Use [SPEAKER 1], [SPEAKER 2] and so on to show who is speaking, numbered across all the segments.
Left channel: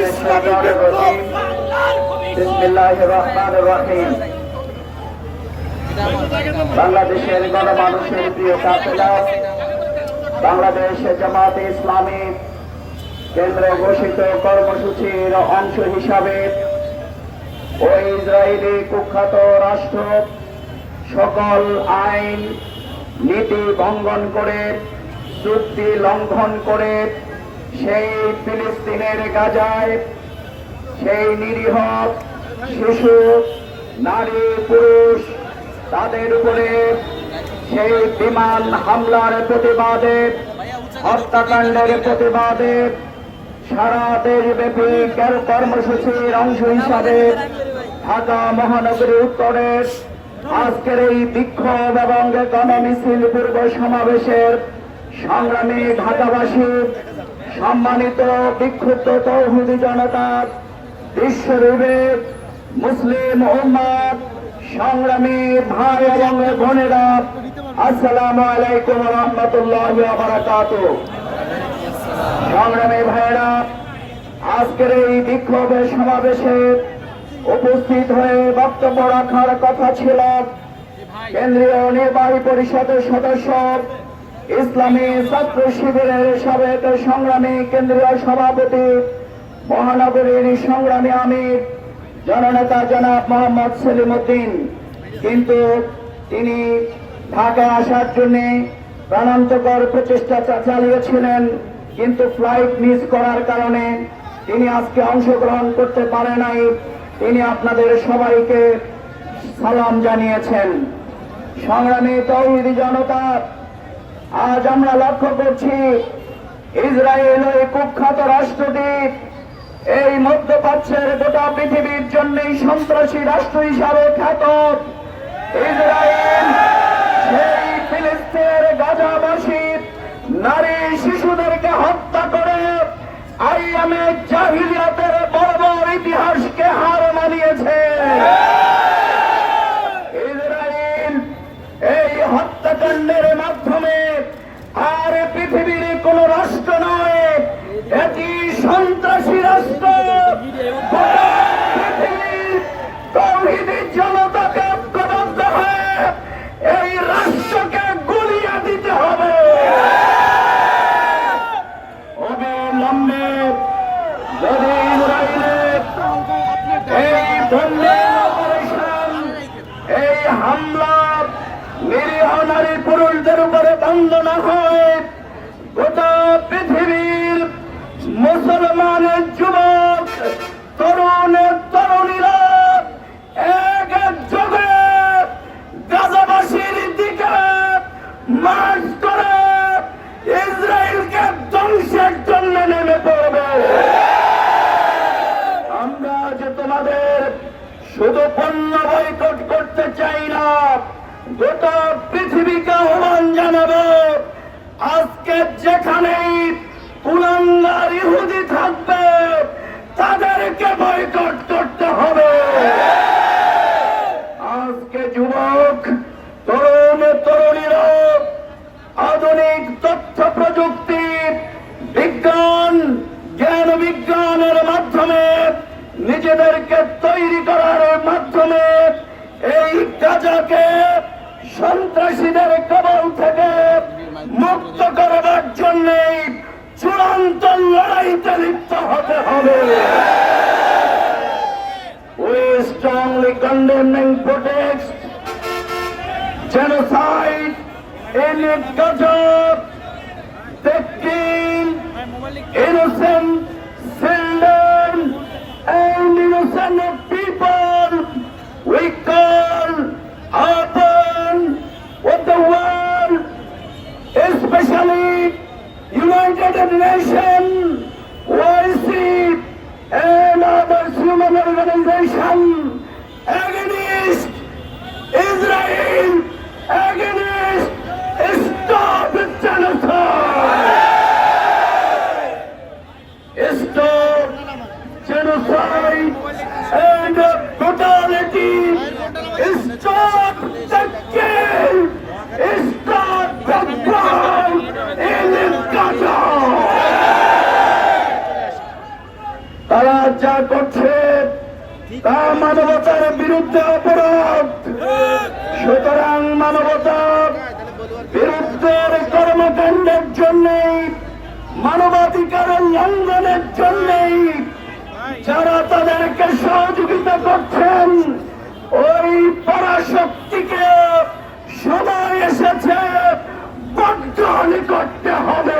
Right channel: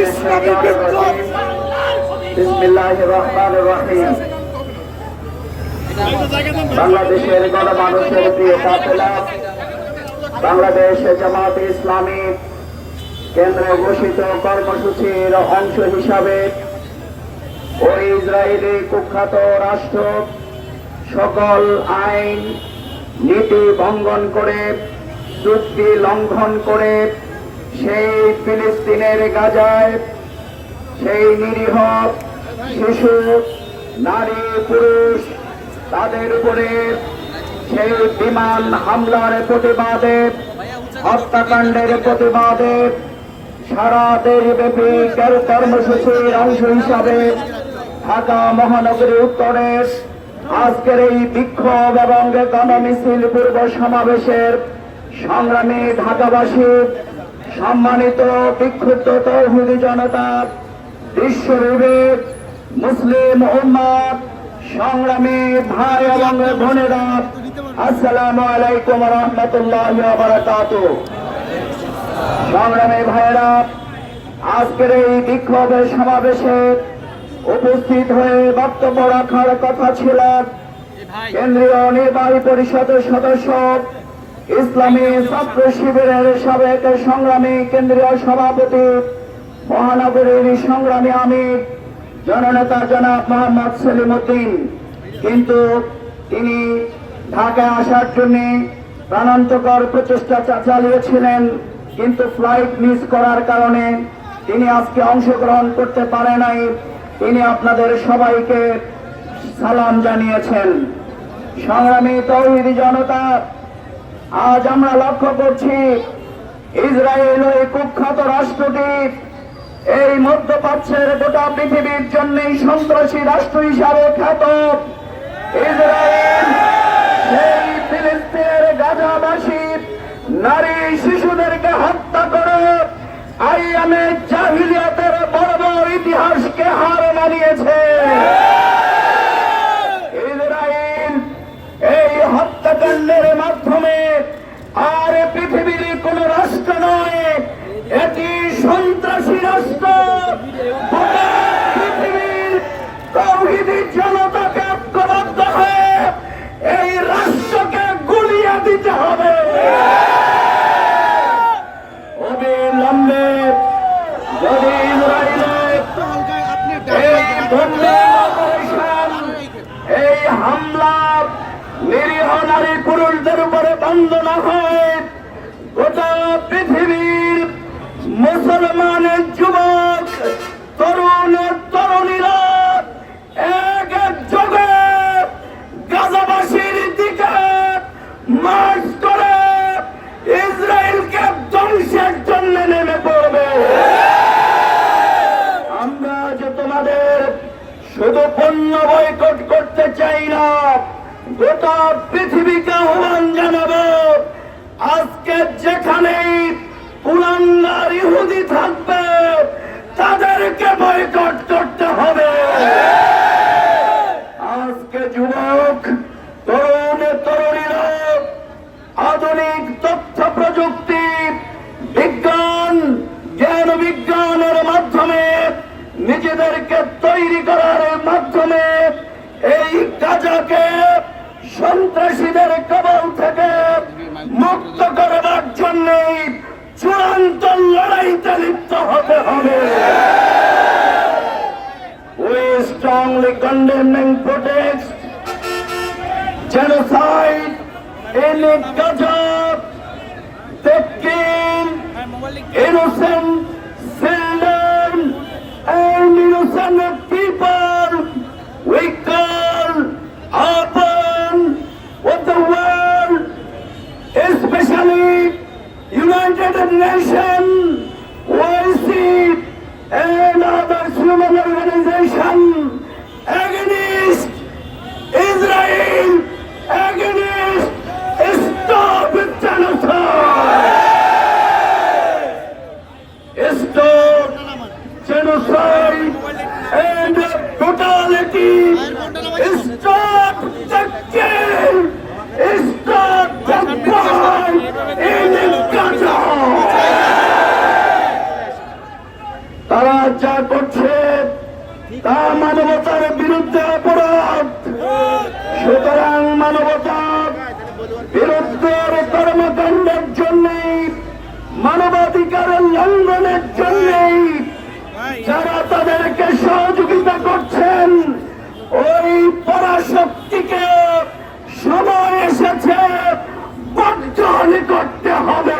[SPEAKER 1] ইসলামী বিপ্লব
[SPEAKER 2] বাংলাদেশের গণমানুষের প্রিয় কাফেলা বাংলাদেশ জামাত ইসলামী কেন্দ্রে ঘোষিত কর্মসূচির অংশ হিসাবে ও ইসরায়েলি কুখ্যাত রাষ্ট্র সকল আইন নীতি ভঙ্গন করে চুক্তি লঙ্ঘন করে সেই ফিলিস্তিনের গাজায় সেই নিরীহ শিশু, নারী, পুরুষ, তাদের উপরে সেই বিমান হামলার প্রতিবাদে, হত্যাকাণ্ডের প্রতিবাদে সারা দেশব্যাপী তেল কর্মসূচির অংশ হিসাবে ঢাকা মহানগরী উত্তরে আজকের এই বিক্ষোভ এবং গণমিছিল পূর্ব সমাবেশের সংগ্রামী ঢাকাবাসী সম্মানিত বিক্ষুব্ধ তৌহিদি জনতা বিশ্ব বিবেক মুসলিম উম্মাদ সংগ্রামী ভাই এবং বোনেরা আসসালামু আলাইকুম রহমতুল্লাহ বারাকাত সংগ্রামী ভাইরা আজকের এই বিক্ষোভের সমাবেশে উপস্থিত হয়ে বক্তব্য রাখার কথা ছিল। কেন্দ্রীয় নির্বাহী পরিষদের সদস্য ইসলামী ছাত্র শিবিরের সাবেক সংগ্রামী কেন্দ্রীয় সভাপতি, মহানগরীর সংগ্রামী আমির, জননেতা জনাব মোহাম্মদ সেলিম উদ্দিন কিন্তু তিনি ঢাকায় আসার জন্য প্রাণান্তকর প্রচেষ্টা চালিয়েছিলেন, কিন্তু ফ্লাইট মিস করার কারণে তিনি আজকে অংশগ্রহণ করতে পারে নাই। তিনি আপনাদের সবাইকে সালাম জানিয়েছেন। সংগ্রামী তৌহিদি জনতা আজ আমরা লক্ষ্য করছি ইসরায়েল ওই কুখ্যাত রাষ্ট্রটি এই মধ্যপ্রাচ্যের গোটা পৃথিবীর জন্যই সন্ত্রাসী রাষ্ট্র হিসাবে খ্যাত। ইসরায়েল সেই ফিলিস্তিনের গাজাবাসী, নারী শিশুদেরকে হত্যা করে আইয়ামে জাহিলিয়াতের বর্বর ইতিহাসকে হার মানিয়েছে ইসরায়েল এই হত্যাকাণ্ডের মাধ্যমে আর পৃথিবীর কোন রাষ্ট্র নয় এটি সন্ত্রাসী রাষ্ট্র গোটা পৃথিবীর তৌহিদি জনতাকে ঐক্যবদ্ধ হয়ে এই রাষ্ট্রকে গুলিয়ে দিতে হবে অবিলম্বে যদি ইসরায়েলের এই বন্যার অপারেশন, এই হামলা নিরীহ নারী পুরুষদের উপরে বন্ধ না হয় গোটা পৃথিবীর মুসলমানের যুবক, তরুণ তরুণীরা এক এক যোগে গাজাবাসীর দিকে মার্চ করে, ইসরায়েলকে ধ্বংসের জন্য নেমে পড়বে। আমরা যে তোমাদের শুধু পণ্য বয়কট করতে চাই না, গোটা পৃথিবীকে আজকে যেখানেই কুলাঙ্গার ইহুদি থাকবে, তাদেরকে বয়কট করতে হবে। আজকে যুবক, তরুণ, তরুণীরা আধুনিক তথ্য প্রযুক্তি, বিজ্ঞান, জ্ঞান বিজ্ঞানের মাধ্যমে নিজেদেরকে তৈরি করার মাধ্যমে এই কাজাকে সন্ত্রাসীদের কবল থেকে মুক্ত করবার জন্য চূড়ান্ত লড়াইতে লিপ্ত হতে হবে We strongly condemn and protest genocide in Gaza, taking innocent তা মানবতার বিরুদ্ধে অপরাধ। সুতরাং মানবতার বিরুদ্ধের কর্মকাণ্ডের জন্যই, মানবাধিকারের লঙ্ঘনের জন্যই যারা তাদেরকে সহযোগিতা করছেন, ওই পরাশক্তিকে সময় এসেছে বর্জন করতে হবে।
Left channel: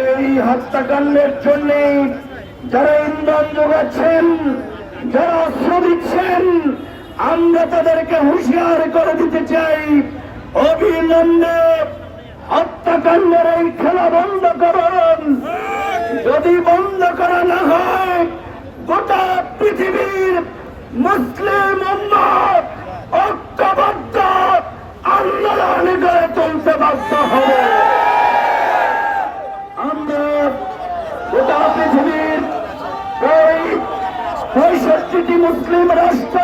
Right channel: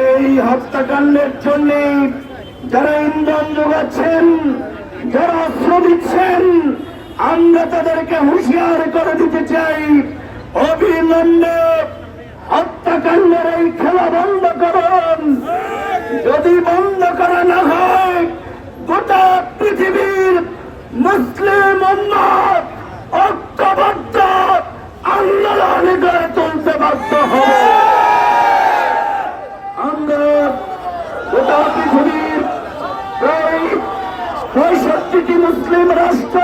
[SPEAKER 2] এই হত্যাকাণ্ডের জন্য যারা ইন্ধন যোগাচ্ছেন, যারা অস্ত্র দিচ্ছেন, আমরা তাদেরকে হুঁশিয়ার করে দিতে চাই। অবিলম্বে হত্যাকাণ্ডের এই খেলা বন্ধ করুন। যদি বন্ধ করা না হয়, গোটা পৃথিবীর মুসলিম ঐক্যবদ্ধ আন্দোলন গড়ে তুলতে বাধ্য হবে আমরা গোটা পৃথিবীর প্রায় পঁয়ষট্টিটি মুসলিম রাষ্ট্র,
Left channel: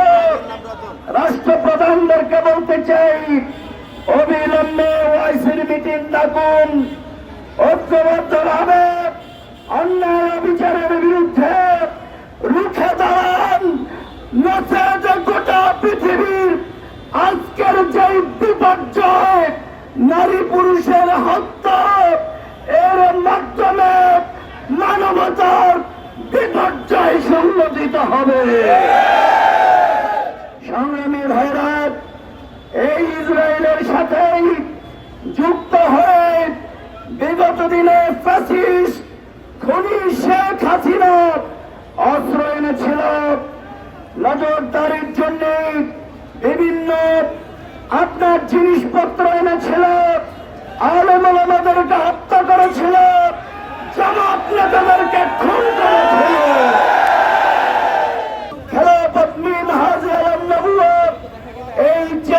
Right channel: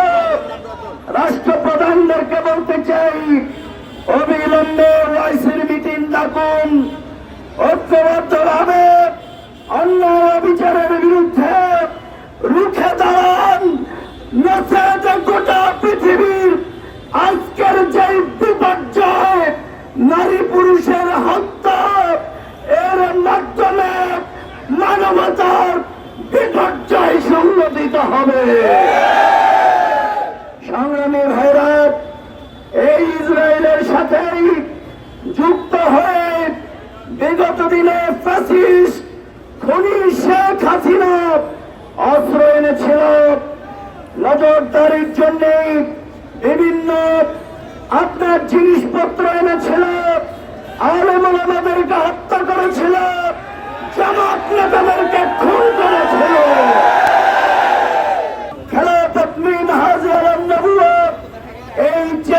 [SPEAKER 2] রাষ্ট্রপ্রধানদেরকে বলতে চাই, অবিলম্বে ওয়াইসির মিটিং ডাকুন। ঐক্যবদ্ধভাবে অন্যায় অবিচারের বিরুদ্ধে রুখে দাঁড়ান। গোটা পৃথিবীর আজকের যে বিপর্যয়, নারী পুরুষের হত্যা, এর মাধ্যমে মানবতার বিপর্যয় সংগঠিত হবে। সংগ্রামী ভাইরাত এই ইসরায়েলের সাথেই যুক্ত হয়ে বিগত দিনে ফ্যাসিস্ট খনি শেখ হাসিনা অস্ত্র এনেছিল। নজরদারির জন্য বিভিন্ন আপনার জিনিসপত্র এনেছিল। আলমাদেরকে হত্যা করেছিল। জামাত নেতাদেরকে খুন করেছিল।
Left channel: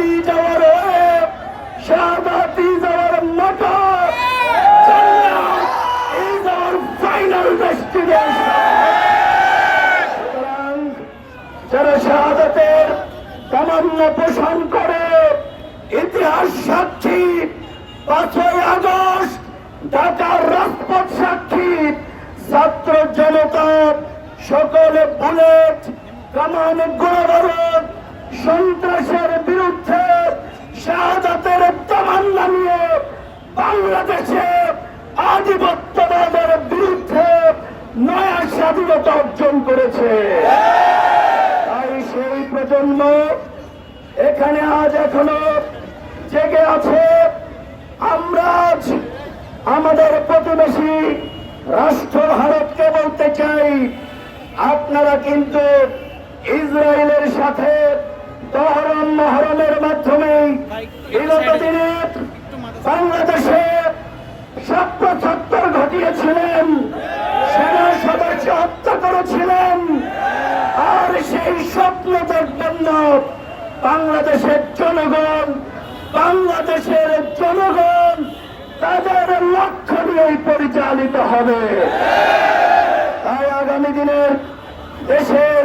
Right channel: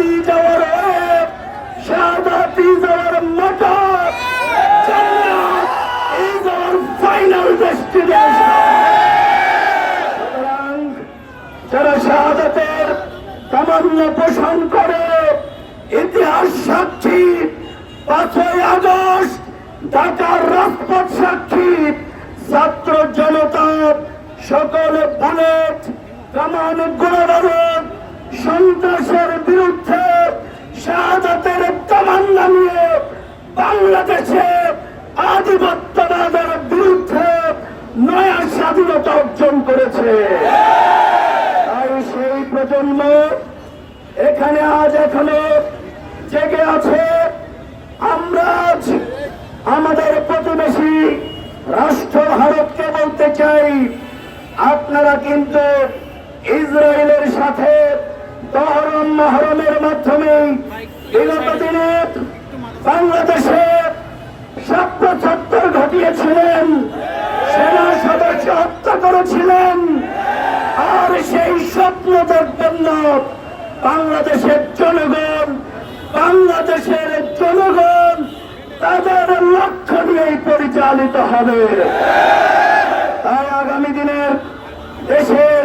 [SPEAKER 2] is our way. Shahadat is our motto. Jannah is our final destination. সুতরাং যারা শাহাদাতের তামান্না পোষণ করে ইতিহাস সাক্ষী পাঁচই আগস্ট ঢাকার রাজপথ সাক্ষী ছাত্র জনতা সকলে বুলেট কামান গোলাবারুদ সন্ত্রাসের বিরুদ্ধে শাহাদাতের তামান্না নিয়ে বাংলাদেশে আধিপত্যবাদের বিরুদ্ধে নয়া স্বাধীনতা অর্জন করেছে। তাই সেই প্রজন্ম এখানে আজ এখনও জেগে আছে। আমরা আজ আমাদের প্রতিবেশী রাষ্ট্র ভারতকে বলতে চাই আপনারা কিন্তু ইসরায়েলের সাথে তহরম মহরমের মাধ্যমে বিগত দিনে বাংলাদেশে ছাত্র ছাত্র ঘটিয়েছিলেন, সেনা সদস্য হত্যা করেছিলেন, আর সেই স্বপ্ন দেখবেন না, বাংলাদেশের জনগণ বাংলাদেশের জনগণ তাদের লক্ষ্য নিয়েই পরিচালিত হবে। আর আগামী দিনের দেশের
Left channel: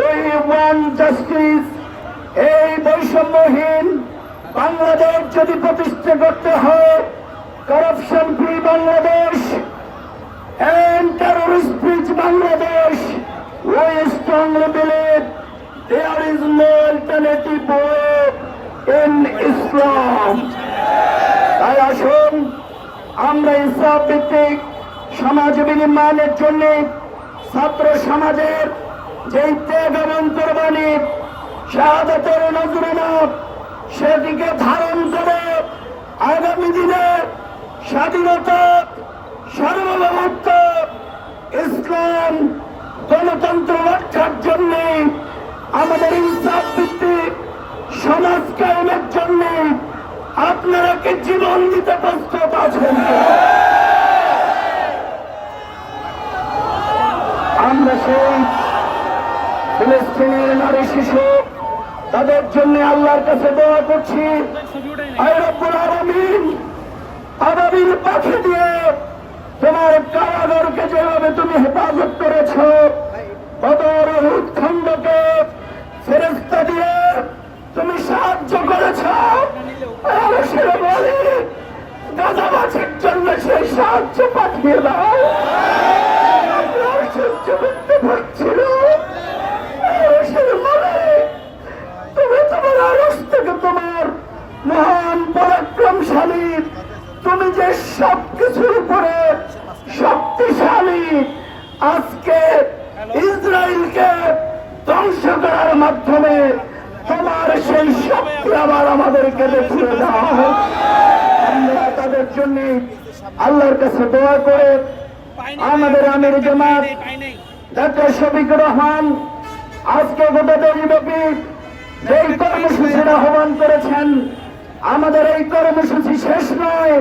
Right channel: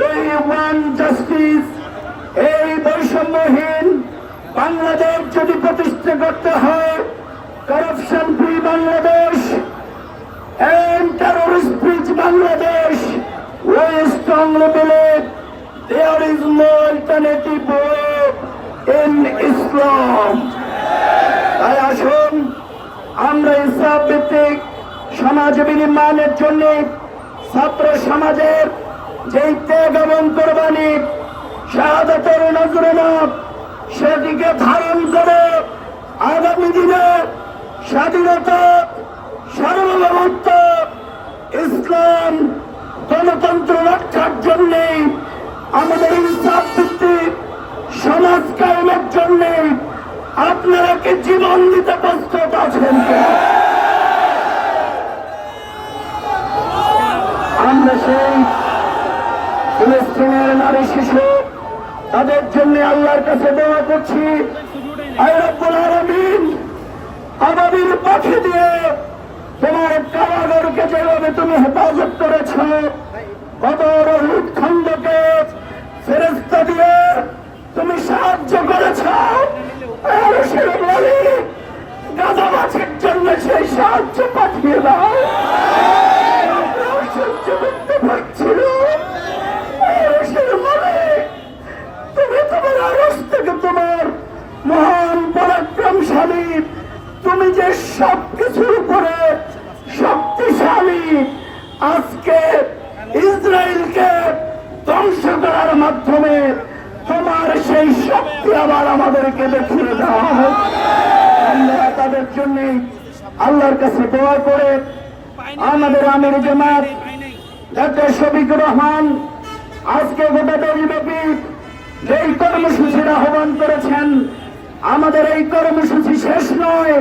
[SPEAKER 2] ওই ওয়ান জাস্পিজ এই বৈষম্যহীন বাংলাদেশ যদি প্রতিষ্ঠা করতে হয় করাপশন ফ্রি বাংলাদেশ বাংলাদেশ, ওই স্ট্রং লেভেলে there is no alternative in Islam তাই আসুন, আমরা ইসলাম ভিত্তিক সমাজ বিনির্মাণের জন্য ছাত্র সমাজের যে ত্যাগ এবং কোরবানি, শাহাদাতের নজরুমা সেটিকে ধারণ করে আগামী দিনে স্বাধীনতা, সার্বভৌমত্ব, ইসলাম, গণতন্ত্র রক্ষার জন্য, আমাদের ইনসাফ ভিত্তিক সমাজ কায়েমের জন্য আপনারা কি জীবন দিতে প্রস্তুত আছেন? আমরা সেই ফিলিস্তিনের নারী শিশু, তাদের জন্য আল্লাহর কাছে দোয়া করছি। আলামিন আবাবিল পাখি দিয়ে তোমার কারাগারকে যেভাবে তুমি হেফাজত করেছ কত রোহিত খণ্ডকে ফেরেস্তা দিয়ে তুমি সাহায্য করেছ। গাদা জন্য সেই সাহায্য পাঠিয়ে দাও। তুমি তোমার আরস তোমার মহান পরাক্রমশালী তুমি যে সব কিছুর উপরে শক্তিশালী। আজকে ইসরায়েলকে ধ্বংস করার মাধ্যমে তোমার সেই শক্তি আবার আমাদেরকে দেখিয়ে দাও আমরা তাদের জন্য আল্লাহর কাছে দোয়া করে আমাদের আমির জামাত ডাক্তার শফিকুর রহমান, আজকে গোটা দেশব্যাপী যেই কর্মসূচির আহ্বান করেছেন, আমাদের এই কর্মসূচি শেষ নয়।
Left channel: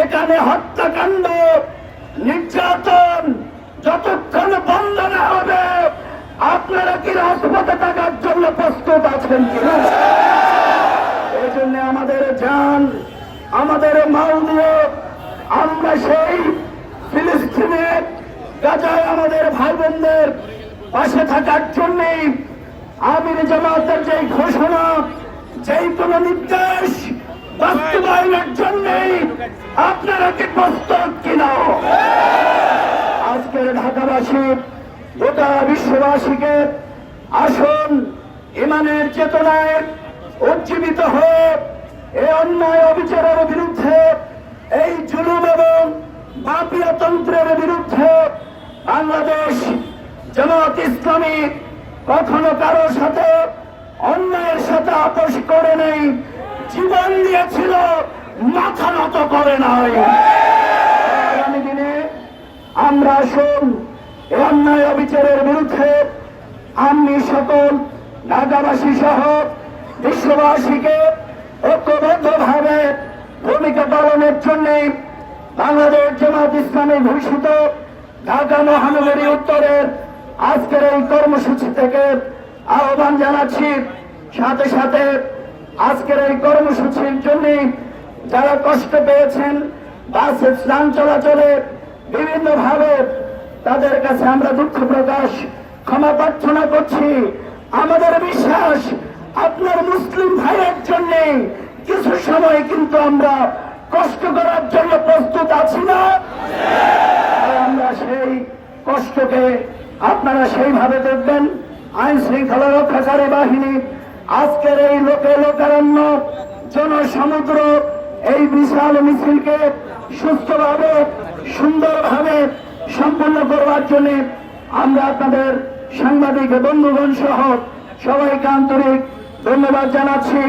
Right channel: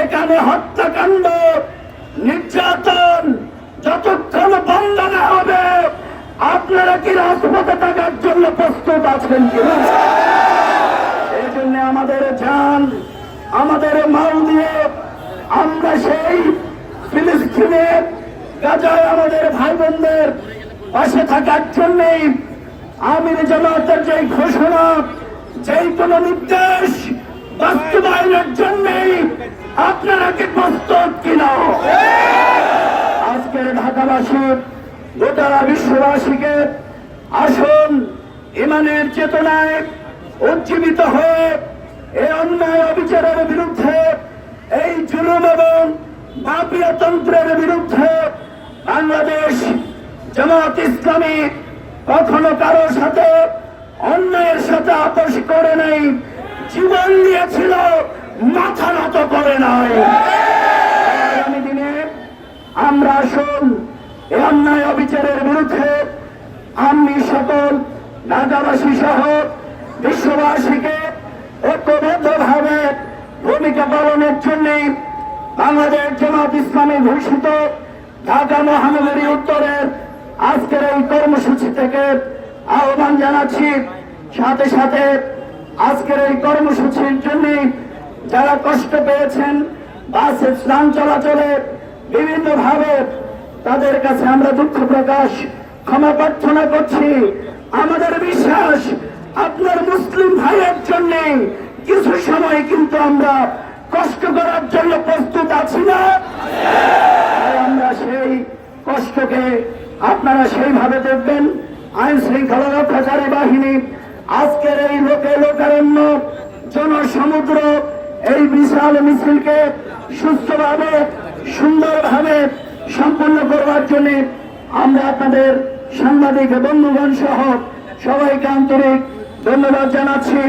[SPEAKER 2] এখানে হত্যাকাণ্ড, নির্যাতন যতক্ষণ বন্ধ না হবে, আপনারা কি রাজপথে থাকার জন্য প্রস্তুত আছেন কিনা? এই জন্য আমাদের যান আমাদের মাল দিয়ে আমরা সেই ফিলিস্তিনের গাজায় আমাদের ভাই বোনদের পাশে থাকার জন্যই আমির জামাতের যে ঘোষণা, যেই কোন নির্দেশ বাস্তবায়নের জন্যই আপনারা কি প্রস্তুত কিনা? আজকের ঢাকাবাসী, গোটা বিশ্ববাসীকে আসুন ইমানের চেতনায় উজ্জীবিত হয়ে এই অন্যায় অবিচারের বিরুদ্ধে, এই জুলুম এবং মাফিয়াতন্ত্রের বিরুদ্ধে বাংলাদেশ জামাত ইসলামী কখনো কারও সাথে অন্যায়ের সাথে আপোষ করে নেই, জীবন দিয়েছিল, মাথা নত করে নাই। দিনে আমরা আসুন এই অন্যায় অবিচারের বিরুদ্ধে আমি সকল ঢাকাবাসী সহ বিশ্ববাসীকে ঐক্যবদ্ধ ভাবে ভূমিকা পালনের জন্য বাংলাদেশ জামাত ইসলামী ঘোষিত ঢাকা মহানগরী উত্তরের আজকের এই কর্মসূচি থেকে আহ্বান জানাচ্ছি। সাথে সাথে আজকের এই কর্মসূচির জন্য যারা কষ্ট পেয়েছেন, বাসে স্নান চলাচলে বিভিন্ন ভাবে তাদের কাছে আমরা দুঃখ প্রকাশ, ক্ষমা প্রার্থনা করছি। আমাদের বিশ্বাস, আপনার মুসলিম ভাইয়ের জন্য কিছু সময় কিন্তু আমরা কষ্ট করার জন্য প্রস্তুত আছি না? কষ্টকে আপনারা সেইভাবে দেখবেন। আইন শৃঙ্খলা রক্ষাকারী বাহিনী আজকের এই লোকে লোকারণ্য জনসমুদ্র এই বিশাল মিছিলকে সুস্থভাবে, সুন্দরভাবে সম্পন্ন করবার জন্য আমরা আপনাদের সাংবাদিক বন্ধুগণ সহ সবাইকে আন্তরিক ধন্যবাদ জানাচ্ছি।